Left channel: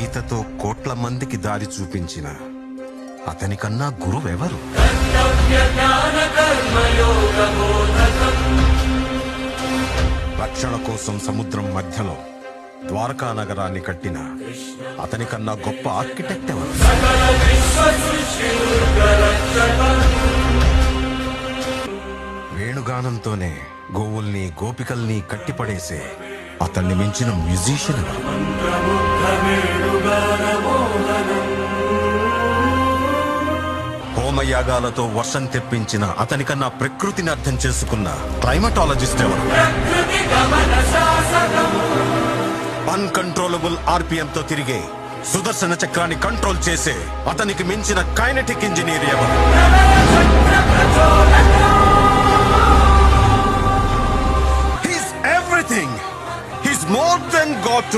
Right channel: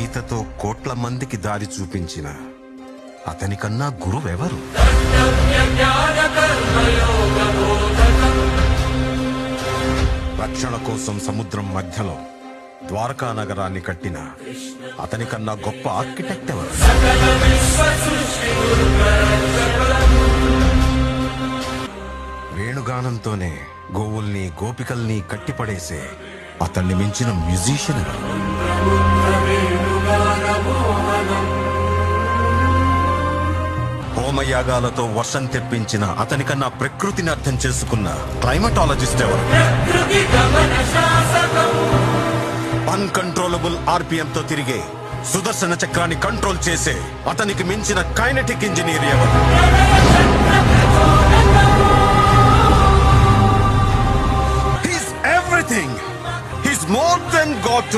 గీతతో కోట్ల మందికి దారి చూపించిన అతనికన్నా గురువెవరు? రక్షణ కోసం సముద్రం మధ్యలో ద్వారకా నగరాన్ని కట్టిన అతనికన్నా గొప్ప ఆర్కిటెక్ట్ ఎవరు? వేణుగానంతోనే గోవుల్ని గోపికల్ని కట్టిపడేసే అతన్ని మించిన మ్యూజిషియన్ ఎవరు? హోమయాగాలతో వర్షం తెప్పించిన అతనికన్నా ప్రకృతిని అర్థం చేసుకున్న క్లైమటాలజిస్ట్ ఎవరు? అన్కంట్రోలబుల్ ఆర్పిఎంతో తిరిగే సుదర్శన చక్రాన్ని కంట్రోల్ చేసే అతనికి మించిన కైనెటిక్ ఇంజనీర్ ఎవరు? He's everything. He's more than God to